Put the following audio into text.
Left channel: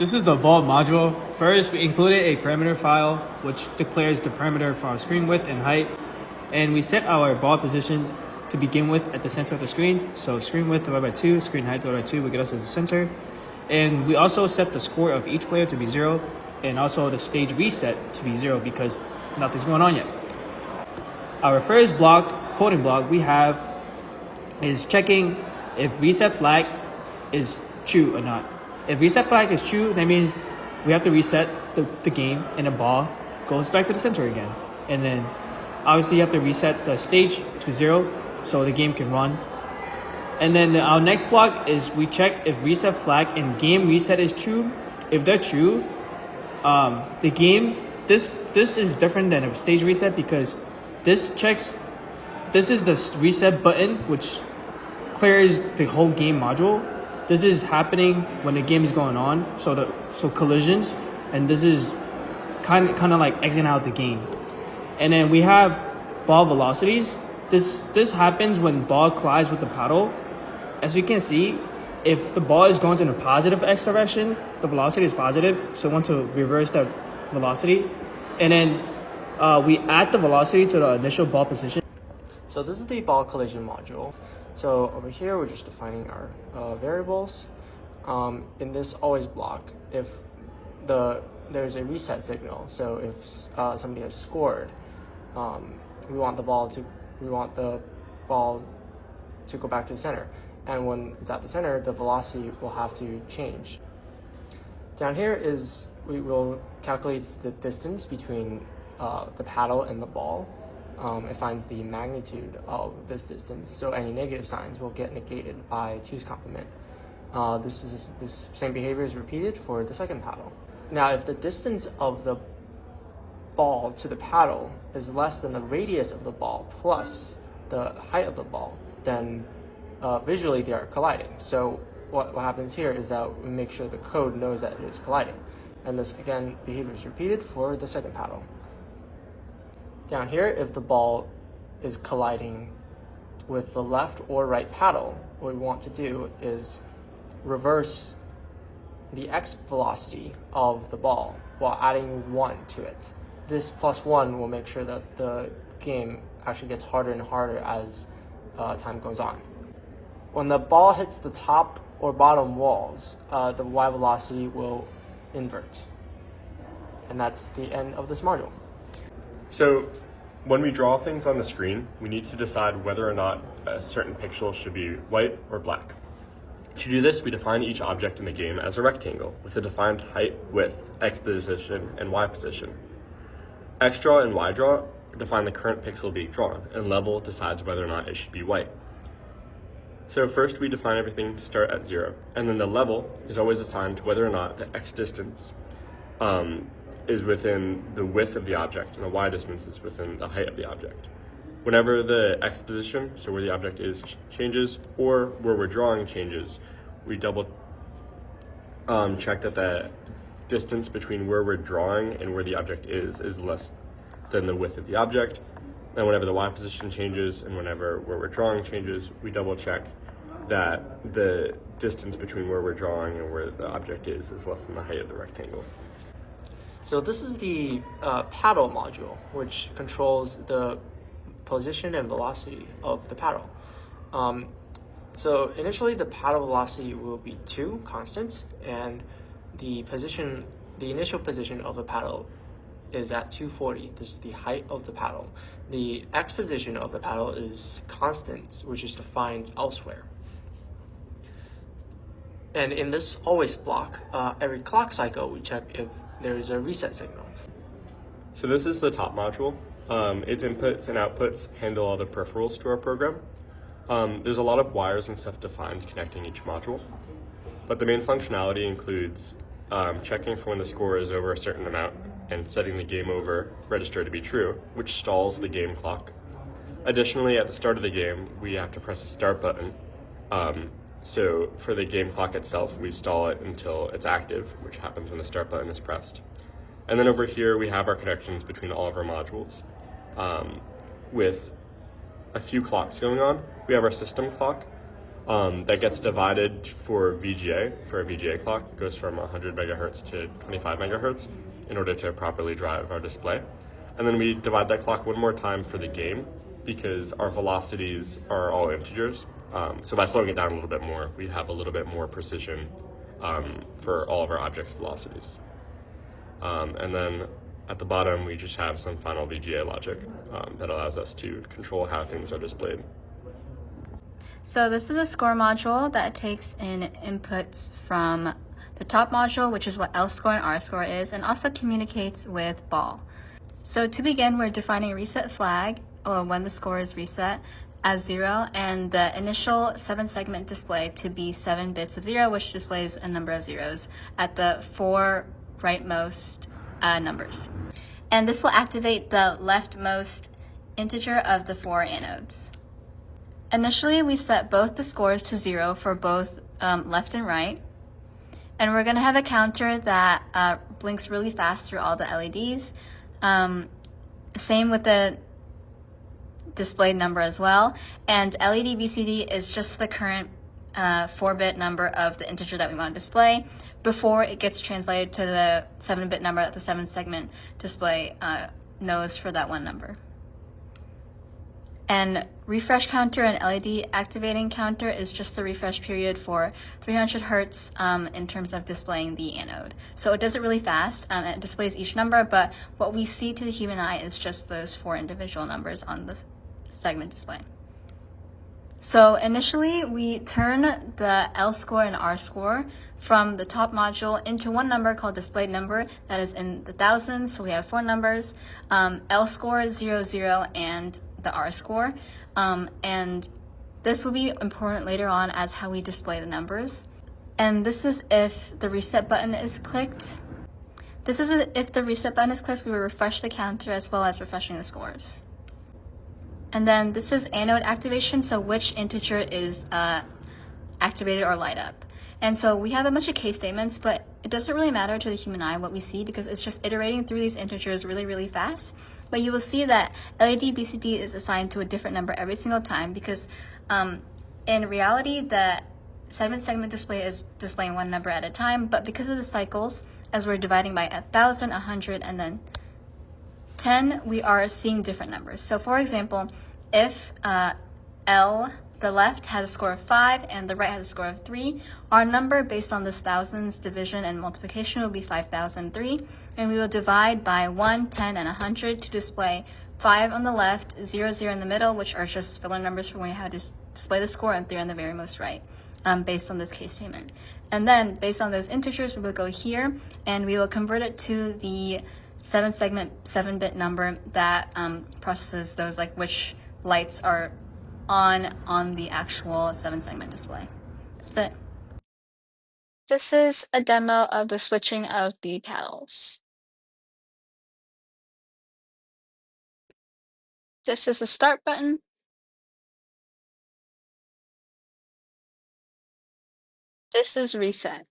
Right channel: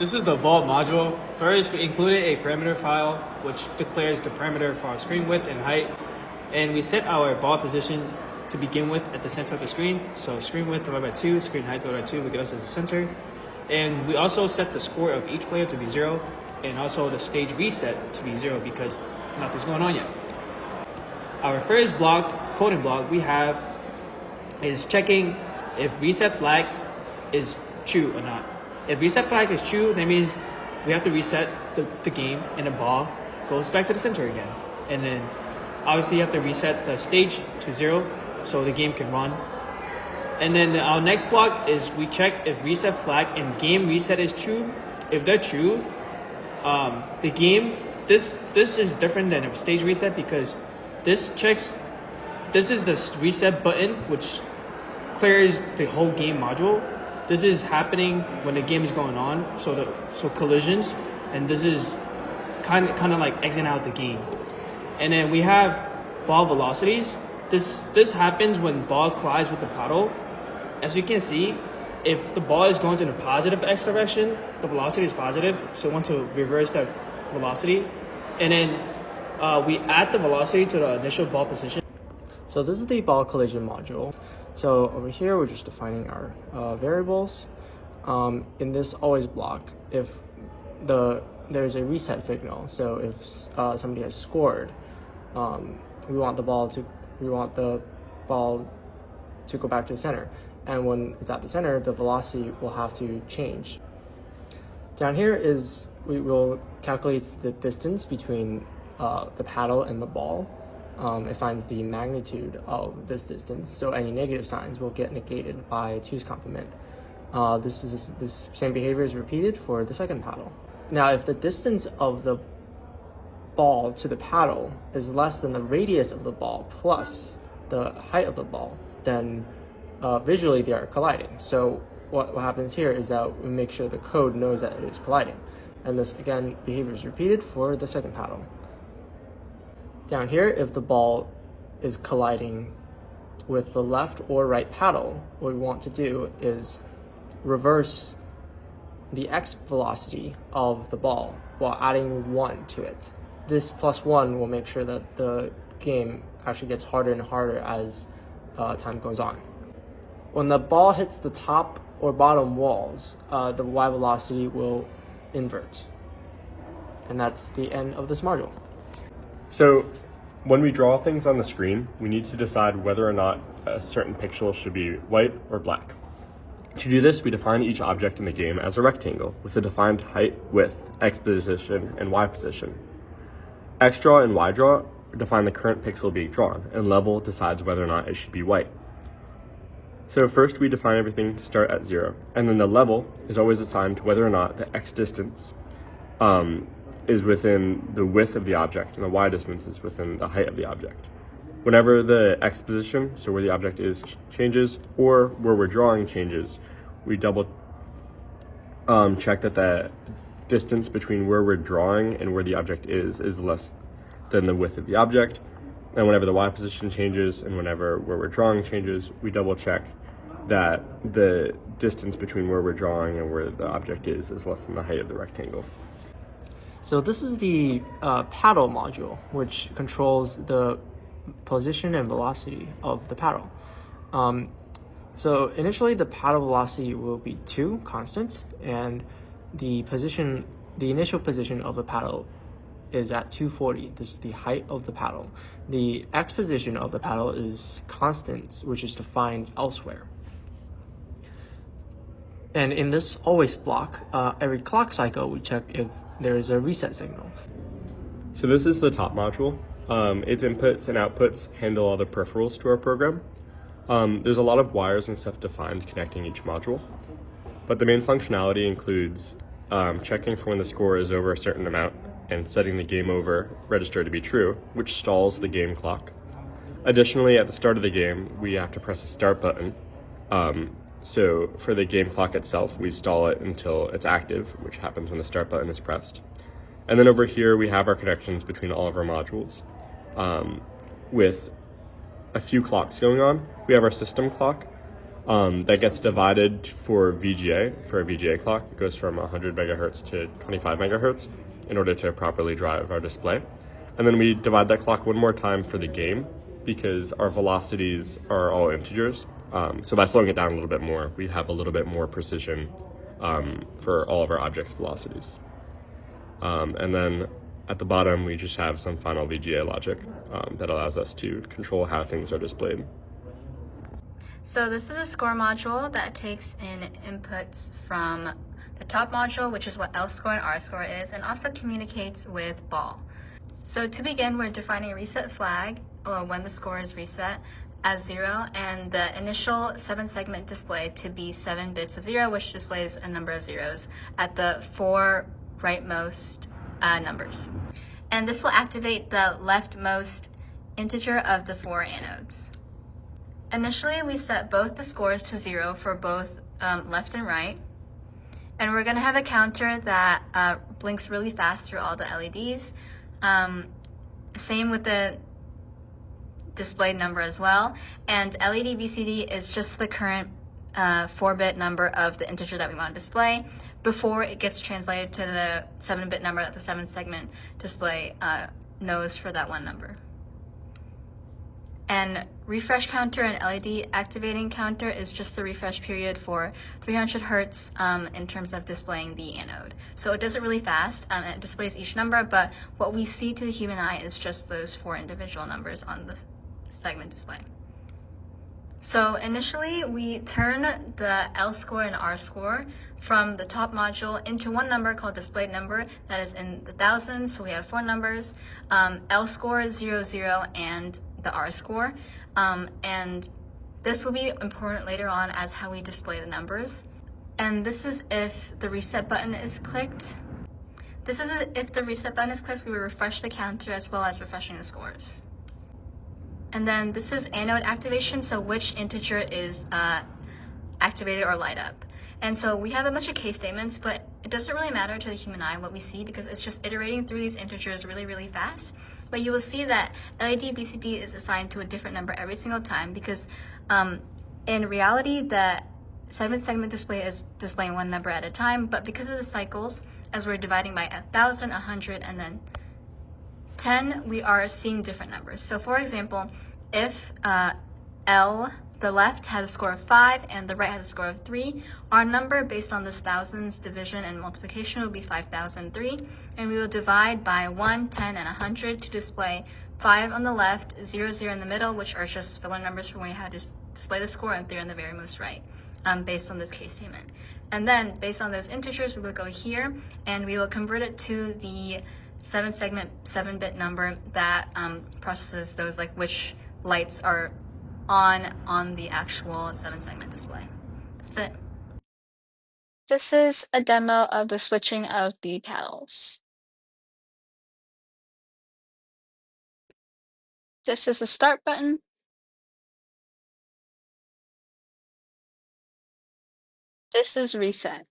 This is the ball module. First, we included a parameter file which declares the parameter for our screen width and height. And we set our ball position to begin with at the center of the screen. So screen width divided by 2, screen height divided by 2 will get us as the center. And we also set the score of each player to be 0 and also the stage reset to be 0 because nothing's going on yet. Our first block, coding block we have is checking if reset flag is true or not. If reset flag is true, that means we have to reset the game and the ball goes back to the center again. And then obviously you have to reset the stage to 0 so the game can run. And then our next block is we check if reset flag and game reset is true. If they're true, the game, this is different than a stage reset because this is the reset button which clears the whole game module. This is happening when the game is going on, so collisions, and this is kind of like exiting out the game. And then we have ball velocities. This happens when ball collides with the paddle. As you can see, if the ball is going in a positive x direction, the velocity is positive, so we want to reverse that velocity. And then we add the velocity to the initial ball position. So this is the ball collision module. So over here, we're just defining our variables. In this always block, if there's a reset signal, so if somebody has scored, we want the ball to go back to the center. And when it's at the center, the velocity will have to change. Down here is, we will calculate the distance between the paddle and the ball. It finds the magnitude of this distance, so any negative signs will get negated by 2's complement. This same behavior is repeated for the second paddle. Now, if the distance of the ball to the paddle is less than the radius of the ball plus the height of the ball, then visually they are colliding. So what happens here is that we make sure the code knows that it is colliding. And this, again, behavior is repeated for the second paddle. Down here, if the ball is colliding with the left or right paddle, what we want to do is reverse the x velocity of the ball while adding 1 to it. This +1 will make sure that the game actually gets harder and harder as time goes on. When the ball hits the top or bottom walls, the y velocity will invert. And that's the end of this module. So when we draw things on the screen, we need to decide whether or not a certain pixel should be white or black. To do this, we define each object in the game as a rectangle with a defined height, width, x position, and y position. X draw and y draw define the current pixel being drawn, and level decides whether or not it should be white. So first we define everything to start at 0, and then the level is always assigned to whether or not the x distance is within the width of the object, and the y distance is within the height of the object. Whenever the x position, so where the object is, changes, or where we're drawing changes, we double check that the distance between where we're drawing and where the object is less than the width of the object. And whenever the y position changes and whenever where we're drawing changes, we double check that the distance between where we're drawing and where the object is less than the height of the rectangle. So this is the paddle module, which controls the position and velocity of the paddle. So initially the paddle velocity will be 2 constant, and the initial position of the paddle is at 240. This is the height of the paddle. The x position of the paddle is constant, which is defined elsewhere. And in this always block, every clock cycle we check if there is a reset signal. So this is the top module. Its inputs and outputs handle all the peripherals to our program. There's a lot of wires and stuff defined connecting each module, but the main functionality includes checking for when the score is over a certain amount and setting the game over register to be true, which stalls the game clock. Additionally, at the start of the game, we have to press a start button. So for the game clock itself, we stall it until it's active, which happens when the start button is pressed. And then over here, we have our connections between all of our modules. With a few clocks going on, we have our system clock, that gets divided for VGA, for a VGA clock. It goes from 100 megahertz to 25 megahertz in order to properly drive our display. And then we divide that clock one more time for the game because our velocities are all integers. So by slowing it down a little bit more, we have a little bit more precision for all of our objects' velocities. And then at the bottom, we just have some final VGA logic that allows us to control how things are displayed. So this is a score module that takes in inputs from the top module, which is what L score and R score is, and also communicates with ball. So to begin, we're defining a reset flag, or when the score is reset, as 0, and the initial 7-segment display to be 7 bits of 0, which displays a number of zeros at the 4 rightmost numbers. And this will activate the leftmost integer of the 4 anodes. Initially, we set both the scores to 0 for both left and right. And we're going to have a counter that blinks really fast through all the LEDs. Same with the displayed number as well. And LED BCD is just the current 4-bit number of the integer that we want to display before it gets translated to the 7-bit number that the 7-segment display knows for that one number. And refresh counter and LED activating counter is just the refresh period for 300 hertz in terms of displaying the anode. So it does it really fast, and it displays each number, but what we see to the human eye is just those 4 individual numbers on the segment display. So initially, we turn the L score and R score from the top module into one number called displayed number that is in the thousands. So we have 4 numbers, L score, 0, 0, and the R score. And this will be important later on as how we display the numbers. And this is if the reset button is clicked. This is if the reset button is clicked, we will refresh the counter as well as refreshing the scores. And then this is anode activation, so which integer is activated or light up. And so we have a bunch of case statements, but it doesn't really matter to the human eye what we see because it's just iterating through these integers really, really fast. But you will see that LED BCD is assigned to a different number every single time because in reality, the 7-segment display is displaying one number at a time, but because of the cycles, as we're dividing by 1,000, 100, and then 10, we are seeing different numbers. So for example, if L, the left has a score of 5 and the right has a score of 3, our number based on this thousands division and multiplication will be 5003, and we will divide by 1, 10, and 100 to display 5 on the left, 0, 0 in the middle, which are just filler numbers for when you have to display the score, and 3 on the very most right, based on this case statement. And then based on those integers, we will go here and we will convert it to the 7-segment 7-bit number that processes those, like which lights are on the actual 7-segment display. That's it. This is a demo of the switching of the paddles. This is the start button. This is reset.